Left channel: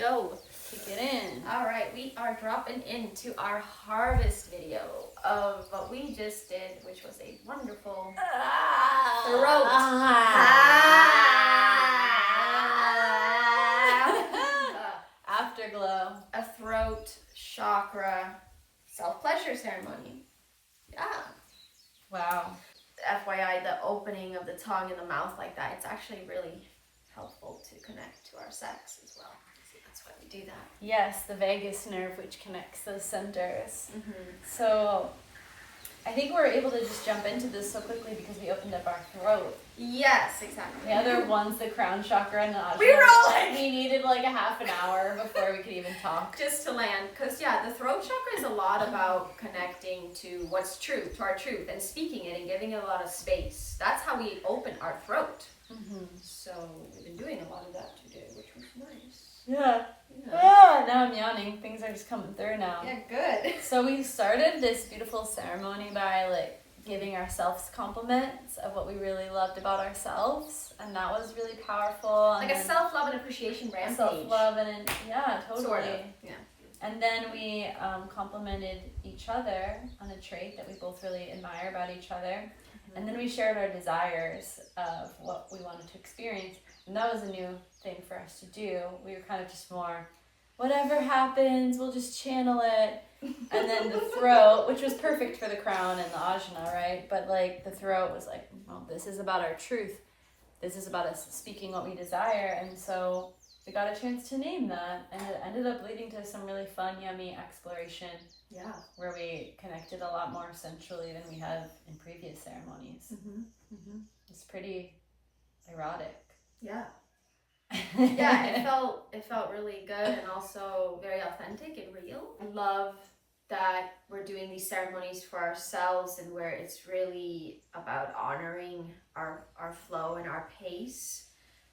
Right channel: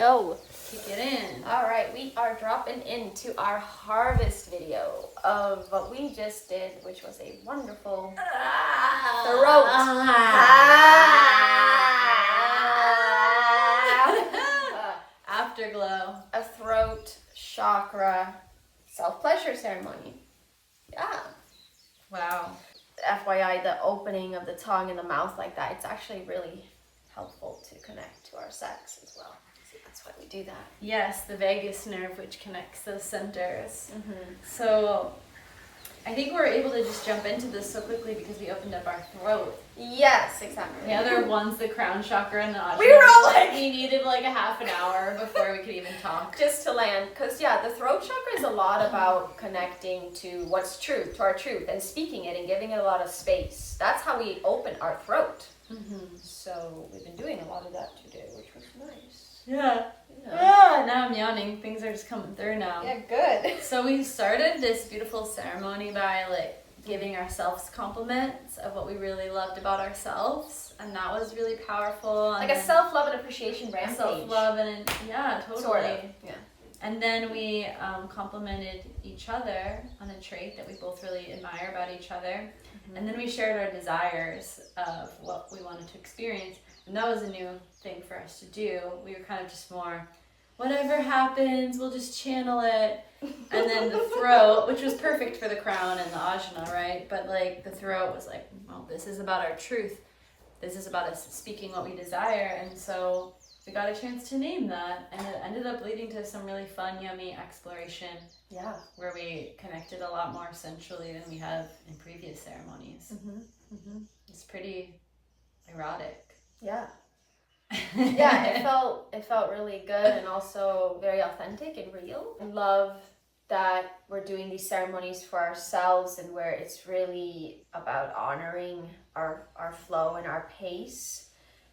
go. Kick it in. All right, we are dropping into our harvest video of what we just did, which was a wonderful throat. Afterglow. A throat chakra self-pleasure ceremony. Yeah. Wow. FYI, the opening of the tongue and the mouth like that, it's actually really helpful to connect to our sex as well. So that's why we do that. Yes, the vagus nerve, which connects those centers. Mm-hmm. So I think we're able to just jump into this so quickly because we opened up our throat. Yes, exactly. The other one's the crown chakra and the ajna. We were all like... We needed like a half an hour before we could even talk. Just to land. Because, yeah, the throat chakra is a lot about connecting to what's truth, to our truth, and speaking it and giving it a lot of space. That's how we open our throat. Mm-hmm. So we've been doing a lot of that today, which was nice. Yeah. Yeah. Ah, now I'm yawning. Things are just coming through now. Yeah, good. So we started this beautiful ceremony by like giving ourselves compliments of what we really loved about ourselves, and that was really powerful. And like a self-love and appreciation rampage. Self-love and yeah, totally. Sort of. Yeah. And then we complimented each other on a trait that we both really admire about each other. Mm-hmm. And then we shared our desires of what we wanted to experience. And that was a new thing for us to do. We were kind of just more, whatever happens, we'll just channel it. And then the throat, which was perfect for the crown and the ajna, right? But like the throat was like, well, this is about our truth. This is about us speaking what we desire. And so we got a chance to name that. And it ended up leading to some really fun, yummy exploration. Yeah. Where we connected a lot more sensually than we have in previous ceremonies. Mm-hmm. Mm-hmm. It's pretty erotic. Yeah. Yeah, it felt really good and also very authentic and real. I love that we're doing these ceremonies for ourselves and where it's really about honoring our flow and our pace,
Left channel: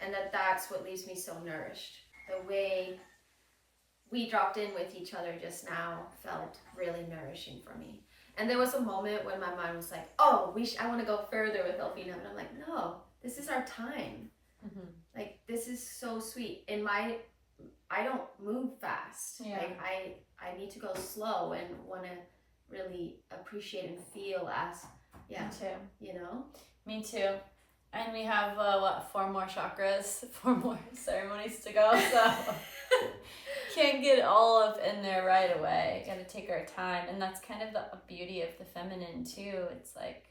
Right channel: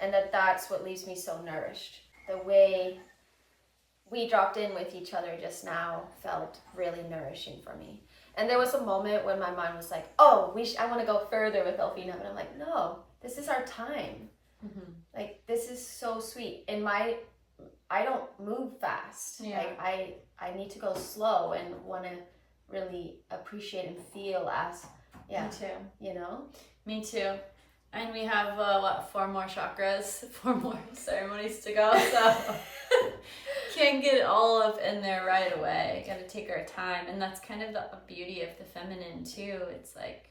and that's what leaves me so nourished. The way we dropped in with each other just now felt really nourishing for me. And there was a moment when my mind was like, oh, I want to go further with Elfina, and I'm like, no, this is our time. Mm-hmm. Like, this is so sweet. I don't move fast. Yeah. Like, I need to go slow and want to really appreciate and feel as, yeah. Me too. You know? Me too. And we have, 4 more chakras, 4 more ceremonies to go, so can't get all of in there right away. Gotta take our time. And that's kind of the beauty of the feminine too. It's like,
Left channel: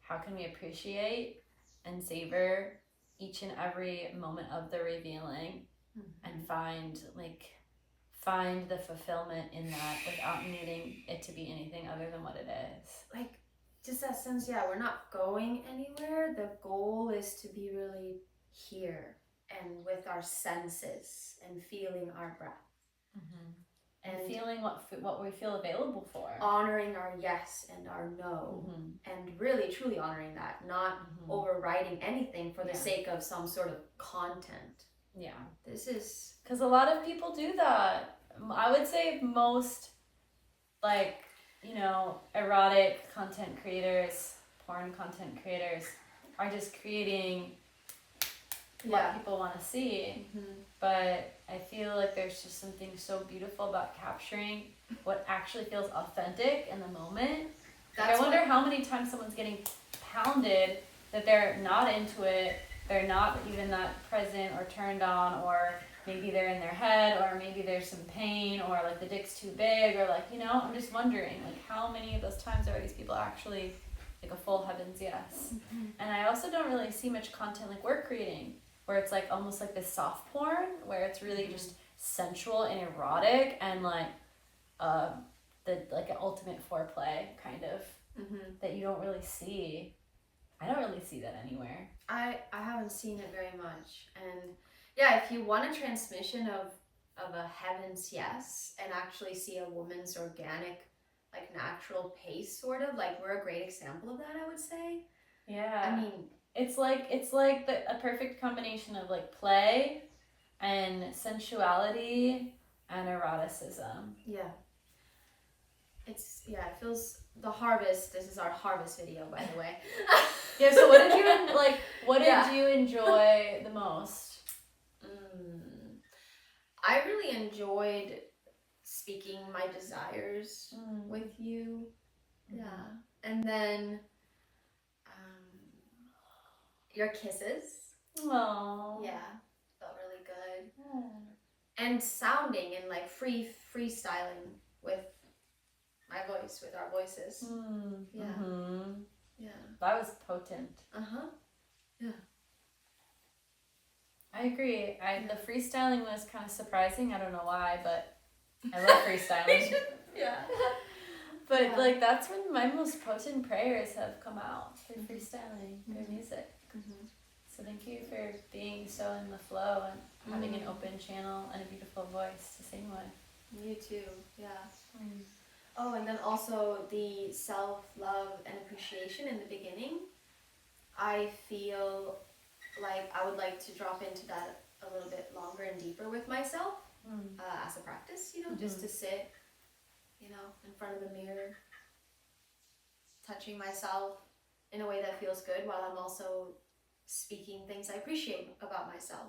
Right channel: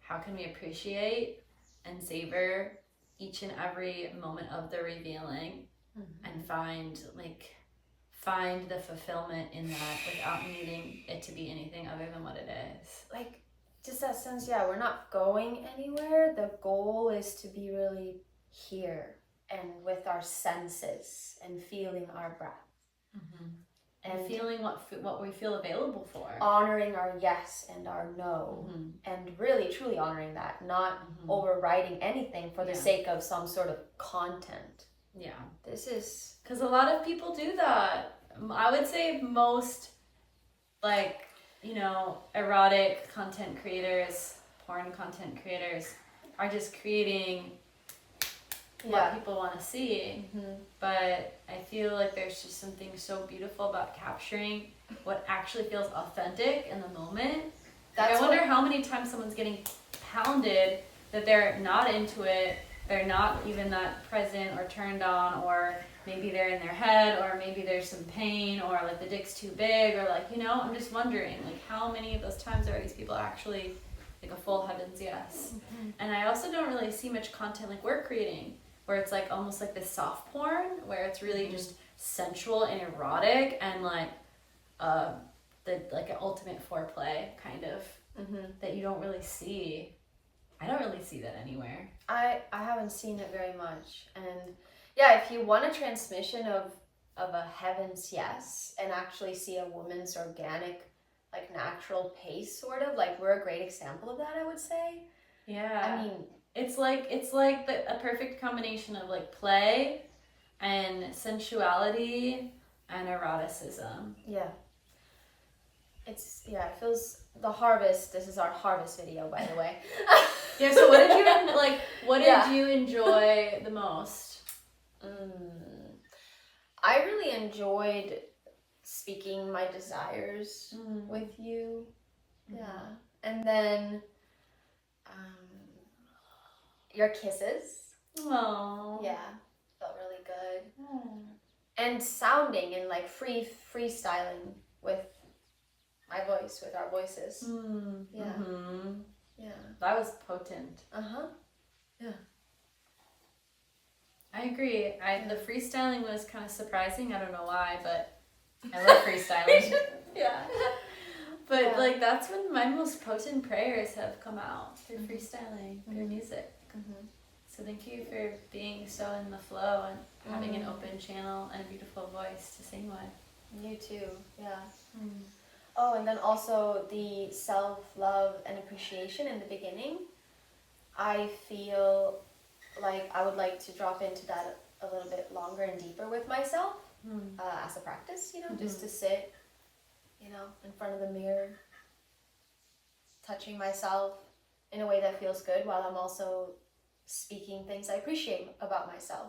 how can we appreciate and savor each and every moment of the revealing, mm-hmm. and find the fulfillment in that without needing it to be anything other than what it is. Like, just that sense, yeah, we're not going anywhere. The goal is to be really here and with our senses and feeling our breath. Mm-hmm. And feeling what we feel available for. Honoring our yes and our no. Mm-hmm. And really, truly honoring that. Not mm-hmm. overriding anything for the sake of some sort of content. Yeah. This is... Because a lot of people do that. I would say most, like, erotic content creators, porn content creators are just creating what people want to see. Mm-hmm. But I feel like there's just something so beautiful about capturing what actually feels authentic in the moment. Like, I wonder how many times someone's getting pounded that they're not into it, they're not even that present or turned on, or maybe they're in their head, or maybe there's some pain, or like the dick's too big, or like, I'm just wondering, like, how many of those times are these people actually like a full heavens yes? Mm-hmm. And I also don't really see much content like we're creating, where it's like almost like this soft porn, where it's really just sensual and erotic and like the like an ultimate foreplay kind of that you don't really see. I don't really see that anywhere. I haven't seen it very much. And yeah, if you want a transmission of a heaven's yes and actually see a woman's organic, like natural pace, sort of, like we're a great example of that, I would say. Yeah. I mean, it's like a perfect combination of like play and sensuality and eroticism. Yeah. It feels the harvest. This is our harvest video, by the way. Yeah, so what did you enjoy the most? I really enjoyed speaking my desires with you. Yeah. And then your kisses. Oh. Yeah. Felt really good. And sounding and like freestyling with my voice, with our voices. Yeah. Yeah. That was potent. Yeah. I agree. The freestyling was kind of surprising. I don't know why, but I love freestyling. Yeah. But like that's when my most potent prayers have come out, through freestyling, through music. So thank you for being so in the flow and having an open channel and a beautiful voice to sing with. You too. Yeah. Oh, and then also the self-love and appreciation in the beginning. I feel like I would like to drop into that a little bit longer and deeper with myself as a practice, just to sit, in front of the mirror, touching myself in a way that feels good while I'm also speaking things I appreciate about myself.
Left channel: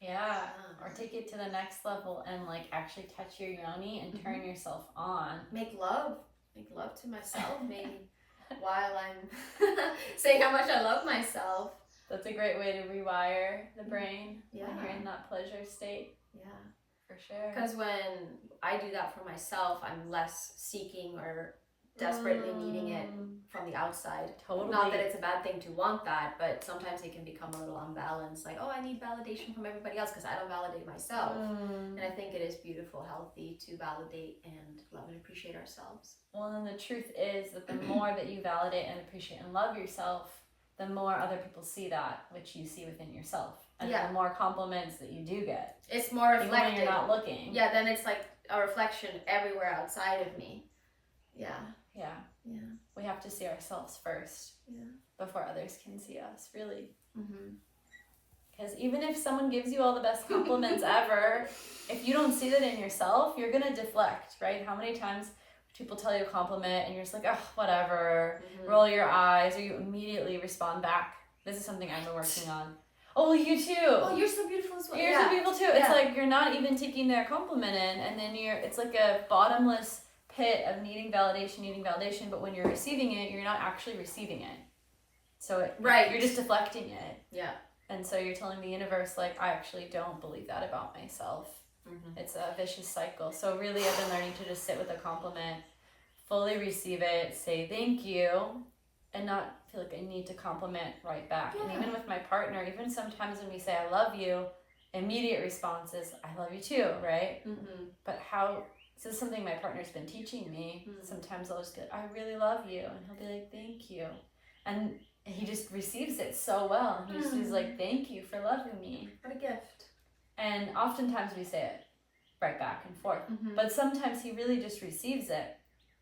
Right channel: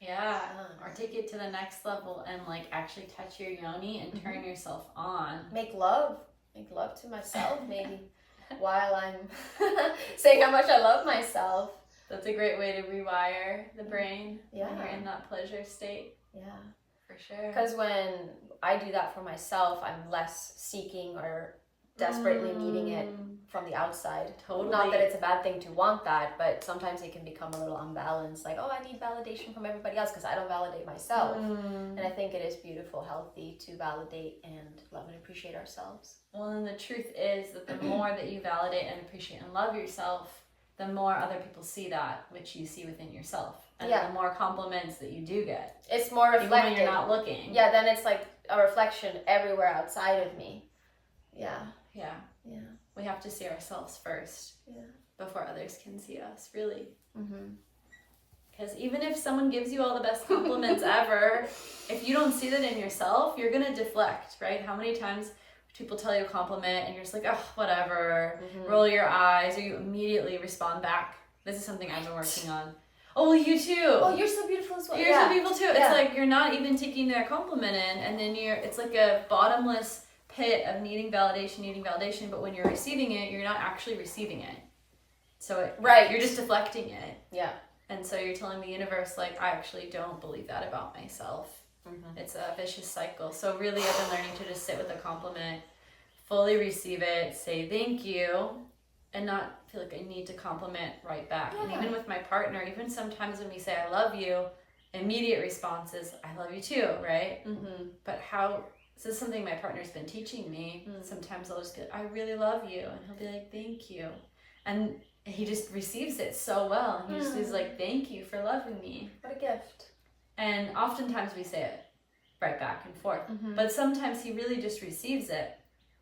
Yeah, or take it to the next level and like actually touch your yoni and turn yourself on. Make love to myself, maybe while I'm saying how much I love myself. That's a great way to rewire the brain when you're in Yeah. that pleasure state. Yeah. For sure. Because when I do that for myself, I'm less seeking or desperately needing it from the outside. Totally. Not that it's a bad thing to want that, but sometimes it can become a little unbalanced. Like, oh, I need validation from everybody else because I don't validate myself. And I think it is beautiful, healthy to validate and love and appreciate ourselves. Well, and the truth is that the more that you validate and appreciate and love yourself, the more other people see that, which you see within yourself. And the more compliments that you do get. It's more reflective. Even when you're not looking. Yeah, then it's like a reflection everywhere outside of me. Yeah. Yeah. Yeah. We have to see ourselves first. Yeah. Before others can see us, really. Because even if someone gives you all the best compliments ever, if you don't see that in yourself, you're going to deflect, right? How many times people tell you a compliment and you're just like, oh, whatever, roll your eyes, or you immediately respond back. This is something I've been working on. Oh, well, you too. Oh, you're so beautiful as well. You're so beautiful too. It's like you're not even taking their compliment in, and then it's like a bottomless pit of needing validation, but when you're receiving it, you're not actually receiving it. So you're just deflecting it. Yeah. And so you're telling the universe, like, I actually don't believe that about myself. It's a vicious cycle. So really, I've been learning to just sit with a compliment, fully receive it, say thank you, and not feel like I need to compliment right back. And even with my partner, even sometimes when we say I love you, immediate response is I love you too, right? But this is something my partner's been teaching me. Sometimes I'll just be like, I really love you, and he'll be like, thank you. And he just receives it so well. He just is like, thank you for loving me. What a gift. And oftentimes we say it right back and forth. But sometimes he really just receives it.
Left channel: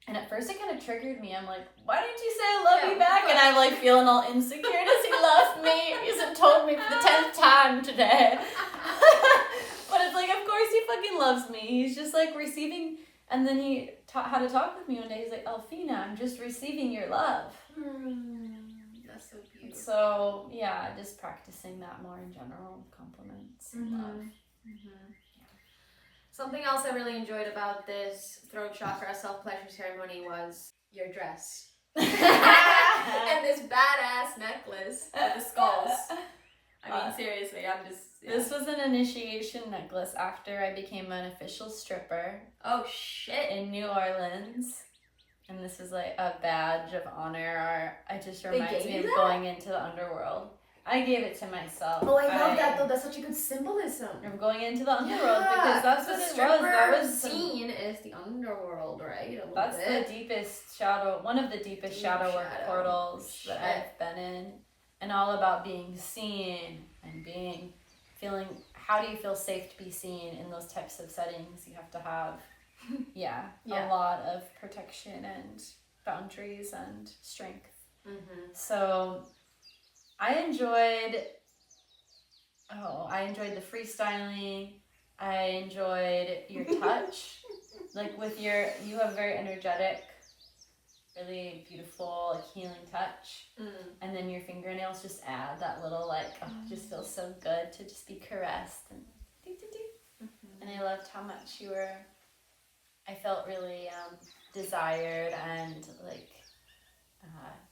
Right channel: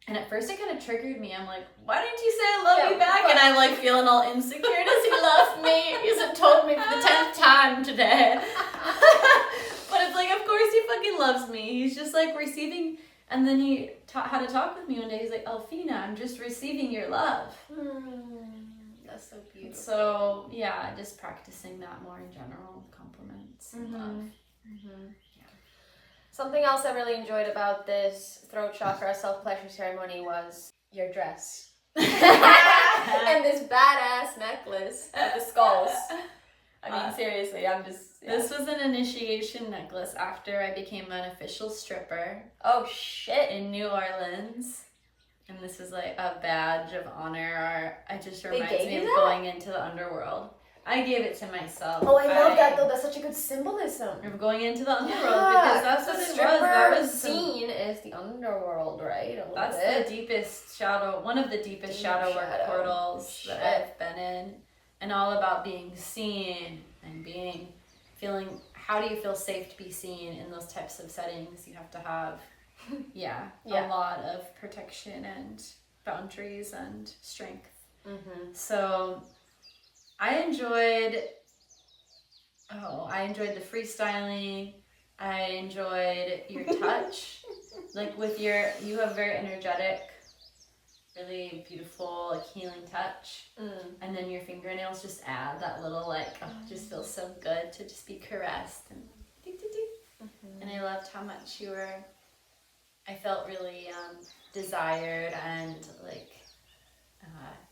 And at first it kind of triggered me. I'm like, why didn't you say I love you back? And I'm like feeling all insecure. Does he love me? He hasn't told me for the 10th time today. But it's like, of course he fucking loves me. He's just like receiving. And then he had to talk with me one day. He's like, Elfina, I'm just receiving your love. That's so beautiful. So yeah, just practicing that more in general, compliments and love. Something else I really enjoyed about this throat chakra self-pleasure ceremony was your dress. And this badass necklace with the skulls. I mean, seriously, I'm just... Yeah. This was an initiation necklace after I became an official stripper. Oh, shit. In New Orleans. And this is like a badge of honor. It just reminds me of going into the underworld. I gave it to myself. Oh, I love that though. That's such a good symbolism. Of going into the underworld because that's what it was. That was scene is the underworld, right? That's the deepest shadow, one of the deepest shadow work portals that I've been in, and all about being seen and feeling. How do you feel safe to be seen in those types of settings? You have to have, a lot of protection and boundaries and strength. So. I enjoyed the freestyling. I enjoyed your touch. Like you have very energetic, really beautiful, like healing touch. And then your fingernails just add that little it just feels so good to just be caressed and and loved how much I felt really desired and like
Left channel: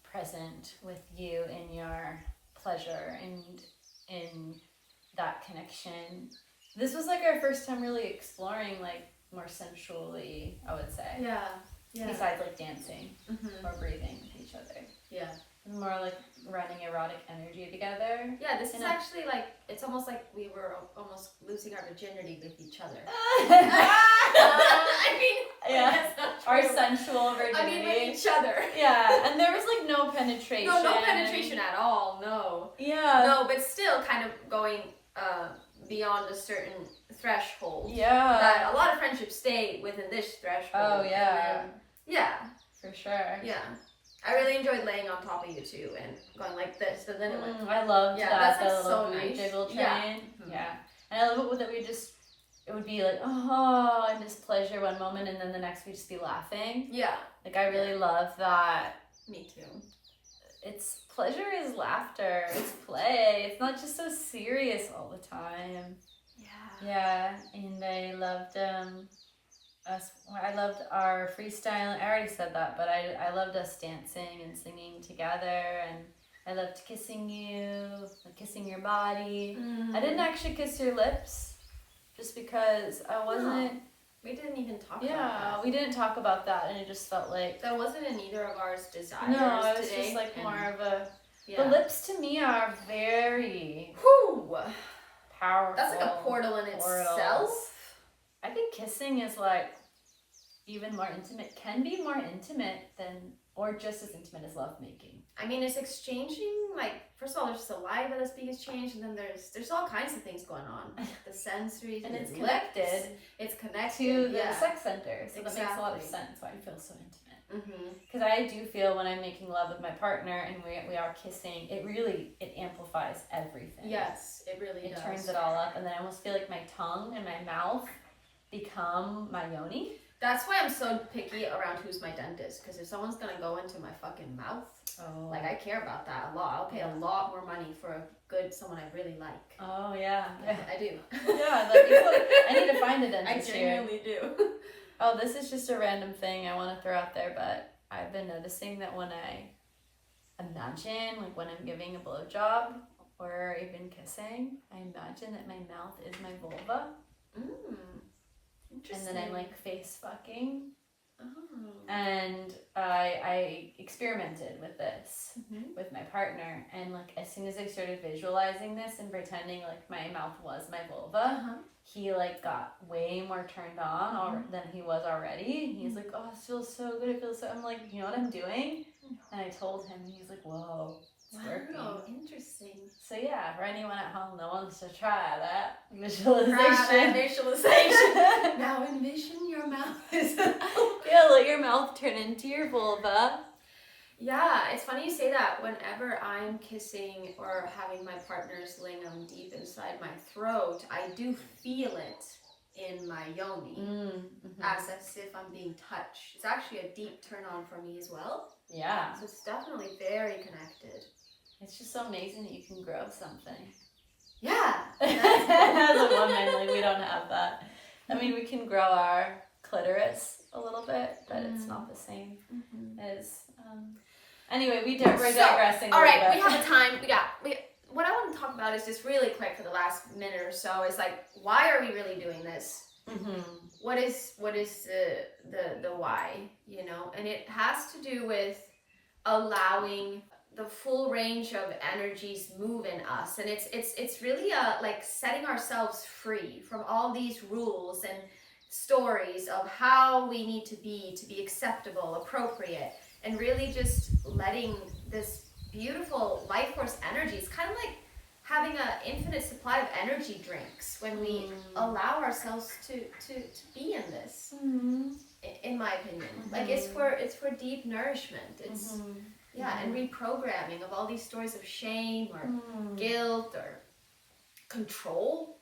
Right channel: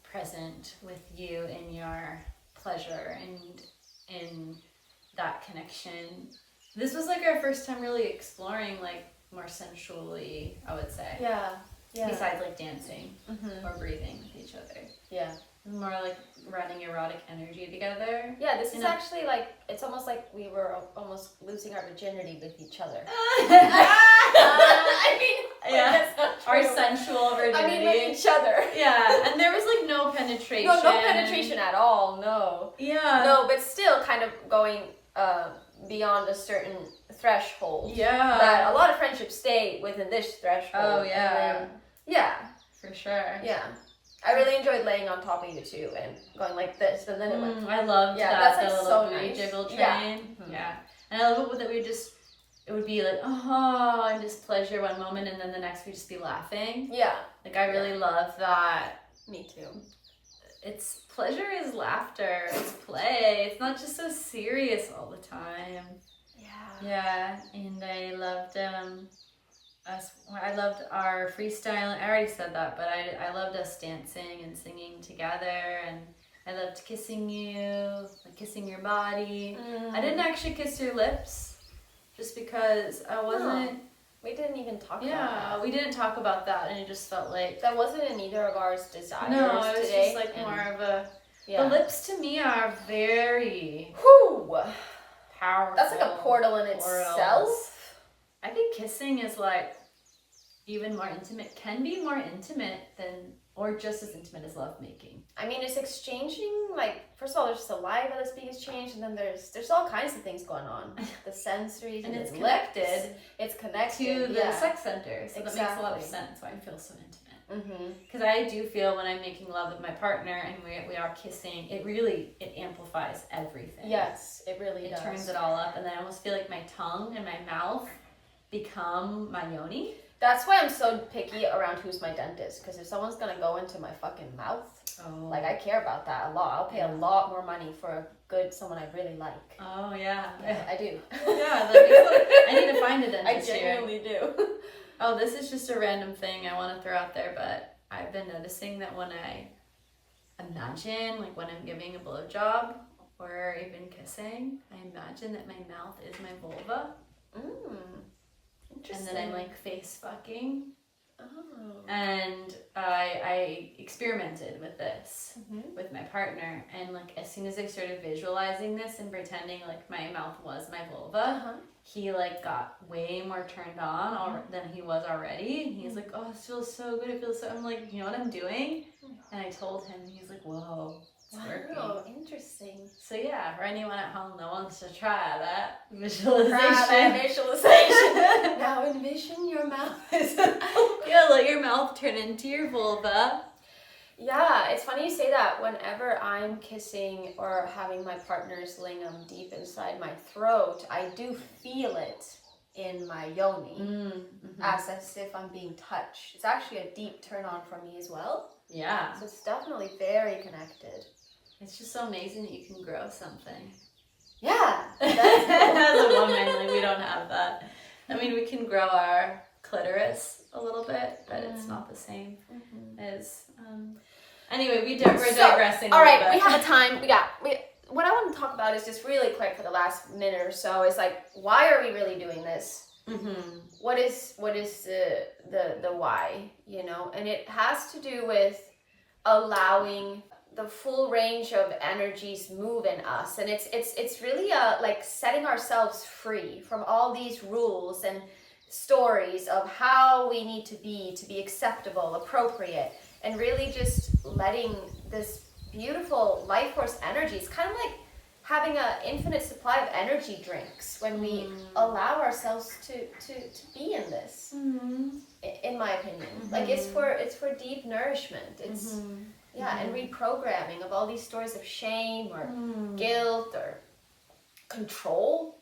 present with you in your pleasure and in that connection. This was like our first time really exploring like more sensually, I would say. Yeah. Besides like dancing or breathing with each other. Yeah. More like running erotic energy together. Yeah, this is actually like, it's almost like we were almost losing our virginity with each other. I mean, yeah, our sensual virginity. I mean, with each other. Yeah, and there was like no penetration. No penetration at all, no. Yeah. No, but still kind of going beyond a certain threshold. Yeah. That a lot of friendships stay within this threshold. Oh, yeah. Then, yeah. For sure. Yeah. I really enjoyed laying on top of you too and going like this, and then it went. I loved that, that's the like little so nice. jiggle train. Yeah. Yeah. And I love it that it would be like, oh, and just pleasure one moment, and then the next we'd just be laughing. Yeah. Like, I really love that. Me too. It's pleasure is laughter. It's play. It's not just so serious all the time. Yeah. Yeah. And I loved I loved our freestyle. I already said that, but I loved us dancing and singing together, and I loved kissing you, like kissing your body. I didn't actually kiss your lips, just because I wasn't. We didn't even talk about that. Yeah, we didn't talk about that, and it just felt like that wasn't in either of ours desires. No, it was today, just like more of a. Yeah. The lips to me are very powerful. That's like a portal in itself. I think kissing is like even more intimate, can be more intimate than, or just as intimate as lovemaking. I mean, it's exchanging, like, first of all, there's saliva that's being exchanged, and then there's all kinds of things going on. The sensories, and it's lips, connected. It's connected to the sex center, so that makes a lot of Exactly. sense why I feel so intimate. Mm-hmm. Because I do feel when I'm making love with my partner and we are kissing, it amplifies everything. Yes, it really does. It turns it all up, and then I almost feel like my tongue and my mouth become my yoni. That's why I'm so picky around who's my dentist, because if someone's gonna go into my fucking mouth, like, I care about that a lot. I'll pay a lot more money for someone I really like. Oh, yeah. I do. Yeah, I need to find a dentist here. I genuinely do. Oh, this is just a random thing I want to throw out there, but I've been noticing that when I imagine, like when I'm giving a blowjob or even kissing, I imagine that my mouth is my vulva. Interesting. And then I'm like face fucking. Oh. And I experimented with this with my partner, and like as soon as I started visualizing this and pretending like my mouth was my vulva, he like got way more turned on than he was already. He's like, oh, it feels so good. It feels so. I'm like, you know what I'm doing? And I told him, and he's like, whoa, it's working. Oh, interesting. So yeah, for anyone at home that wants to try that visualization. Now envision your mouth. Yeah, let your mouth turn into your vulva. Yeah, it's funny you say that. Whenever I'm kissing or having my partner's lingam deep inside my throat, I do feel it in my yoni, as if I'm being touched. It's actually a deep turn on for me as well. Yeah. So it's definitely very connected. It's just so amazing that you can grow something. Yeah. That's cool. As a woman, like, we don't have that. I mean, we can grow our clitoris a little bit, but it's not the same as... Anyway, we're digressing all a little right, bit. we have a time. What I want to talk about is just really quick for the last minute or so is like, why are we really doing this? What is the why, you know? And it has to do with allowing the full range of energies move in us, and it's really like setting ourselves free from all these rules and stories of how we need to be acceptable, appropriate, and really just letting this beautiful life force energy. It's kind of like having an infinite supply of energy drinks when we allow ourselves to be in this. In my opinion, like it's for deep nourishment. It's and reprogramming of all these stories of shame or guilt or control.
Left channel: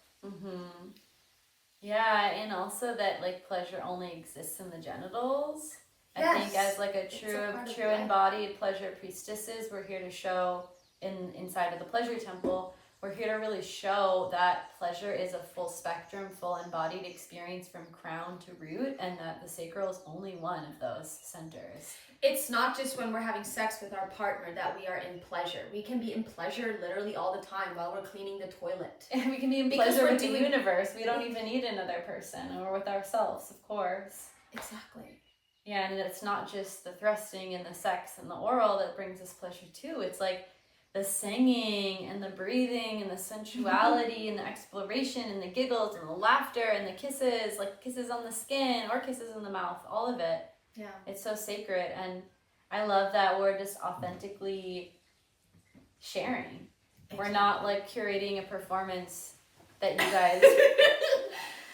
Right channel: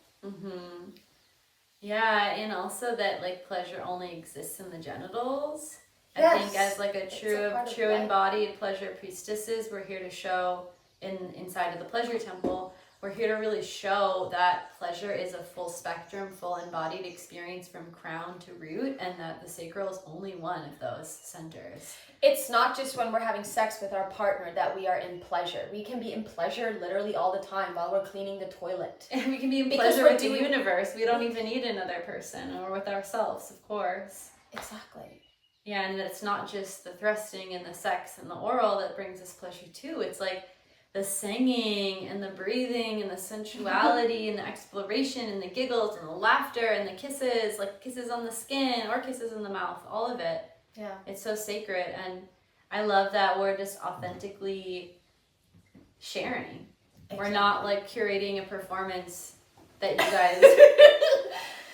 Yeah, and also that like pleasure only exists in the genitals. I think as like a true embodied pleasure priestesses, we're here to show inside of the pleasure temple we're here to really show that pleasure is a full spectrum, full embodied experience from crown to root, and that the sacral is only one of those centers. It's not just when we're having sex with our partner that we are in pleasure. We can be in pleasure literally all the time while we're cleaning the toilet. And we can be in pleasure with the universe. We don't even need another person, or with ourselves, of course. Exactly. Yeah, and it's not just the thrusting and the sex and the oral that brings us pleasure too. It's like the singing and the breathing and the sensuality and the exploration and the giggles and the laughter and the kisses, like kisses on the skin or kisses in the mouth, all of it. Yeah. It's so sacred, and I love that we're just authentically sharing. Exactly. We're not like curating a performance that you guys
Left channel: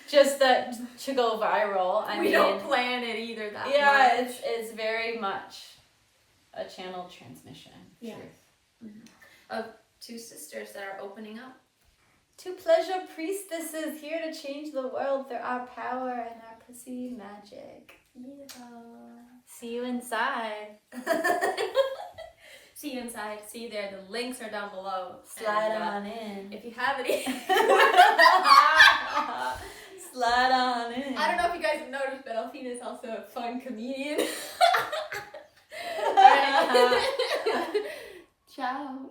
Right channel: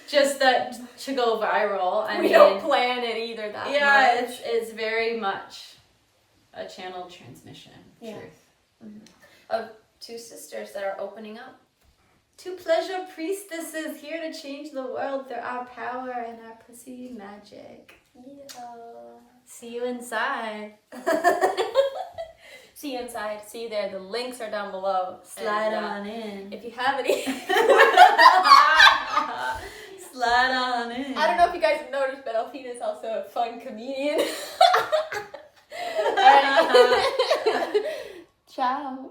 just that to go viral. I mean, don't plan it either that much. It's very much a channeled transmission. Yeah. Truth. Mm-hmm. Of two sisters that are opening up. Two pleasure priestesses here to change the world through our power and our pussy magic. Yeah. See you inside. See you inside. See you there. The links are down below. Slide on in. If you have any. Slide on in. I don't know if you guys have noticed, but Elfina is also a fun comedian. Ciao.